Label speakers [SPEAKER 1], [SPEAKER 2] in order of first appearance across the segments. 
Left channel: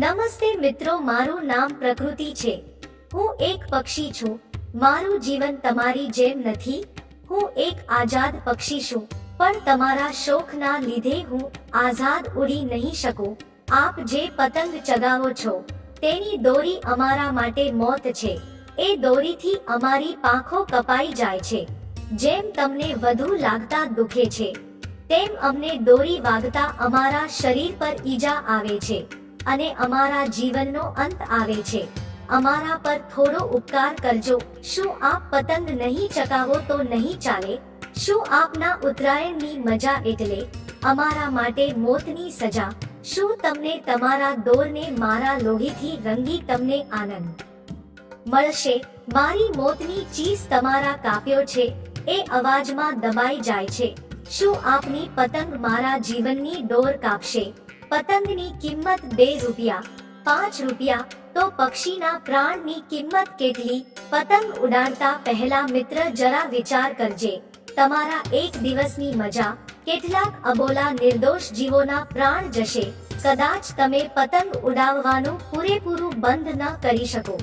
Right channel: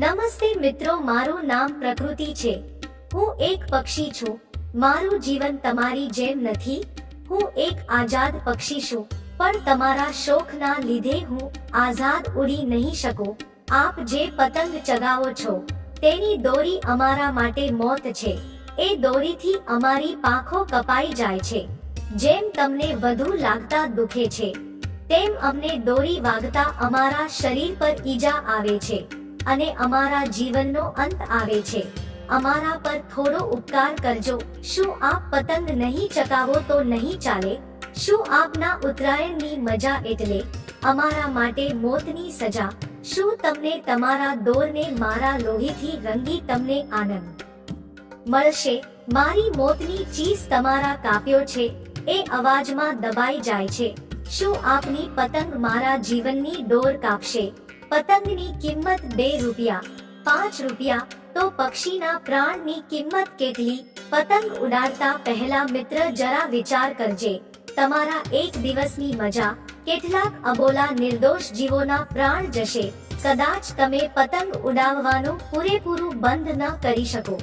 [SPEAKER 1] નમસ્તે મિત્રો, મારું નામ પ્રકૃતિ છે. હું એક પક્ષી છું. મારું જીવન તમારી જેમ નથી. હું એક આઝાદ પક્ષી છું. પણ તમારા શોખના લીધે હું આઝાદ ઉડી નહીં શકું. આપ જે પતંગ ચગાવો છો, તેની દોરી અમારા માટે મોત છે. એ દોરીથી અમારી પાંખો કપાઈ જાય છે. જેમ તમને વધુ લાગતા દુખે છે, તેમ અમને દોરી વાગતા અમારા શરીર પર ઈજા આવે છે. અને અમારા જીવનનો અંત આવે છે. અમારા પર થોડો ઉપકાર કરજો. શું આપ પતંગ નહીં ચકાવો તો નહીં ચાલે? શું આપના ઉત્તરાયણની મજા એટલે? અમારા માટે મોતની સજા. શું તમને તમારા દોરને મારા લોહીથી રંગી તમને આનંદ? મળશે. મારી મોતની ચીસ તમારા કાપ્યો છે. એ અવાજમાં દબાઈ જાય છે. શું આપની પતંગ મારા જીવનની ડોર કાપશે? પતંગની કિંમત બે રૂપિયા, પાંચ રૂપિયા, તો પક્ષીના પ્રાણની કિંમત કેટલી? પતંગ ઉડાડતા પહેલા મિત્ર જરા વિચાર કરજે. તમારા એક દિવસની મજા. કેટલાક અબોલા નિર્દોષ જીવોના પ્રાણ જશે. કદાચ તમે પતંગ ઉડાવવાનું પૂરેપૂરું બંધ ન કરી શકો.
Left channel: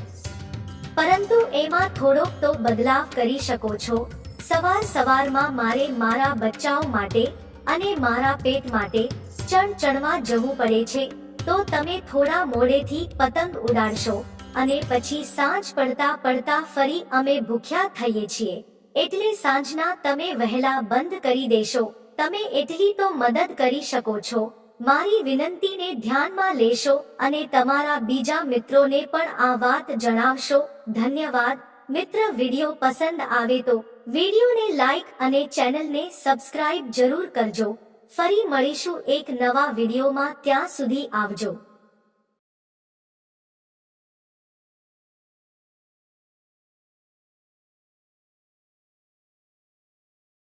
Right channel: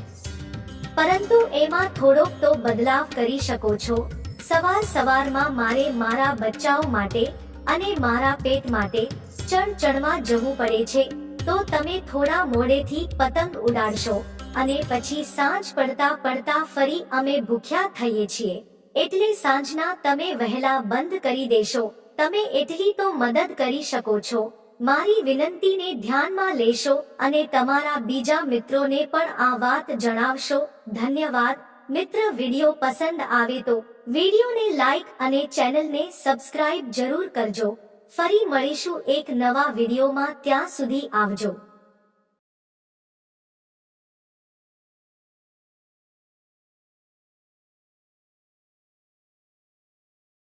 [SPEAKER 1] પરંતુ એમાં થોડોક તો બદલાવ કરી શકો છો. સવાર સવારમાં મારે મારા બચ્ચાઓ માટે અને મારા પેટ માટે ચણ ચણવા જવું પડે છે, તો તમે થોડા મોડેથી પતંગ ઉડાડશો અને પછી સાંજ પડતા પડતા ફરી અમે ભૂખ્યા થઈએ છીએ. એટલે સાંજના તમે વહેલા બંધ કરી દેશો. તમે એટલી તો મદદ કરી શકો છો. મારી વિનંતીને ધ્યાનમાં લેશો અને તમારા બીજા મિત્રોને પણ આ વાત જણાવશો. ધન્યવાદ. મિત્ર, વીડિયો પસંદ આવે તો વિડીયોને લાઈક અને ચેનલને સબસ્ક્રાઇબ જરૂર કરજો. ફરી મળીશું એક નવા વિડીયોમાં. ત્યાં સુધી આવજો.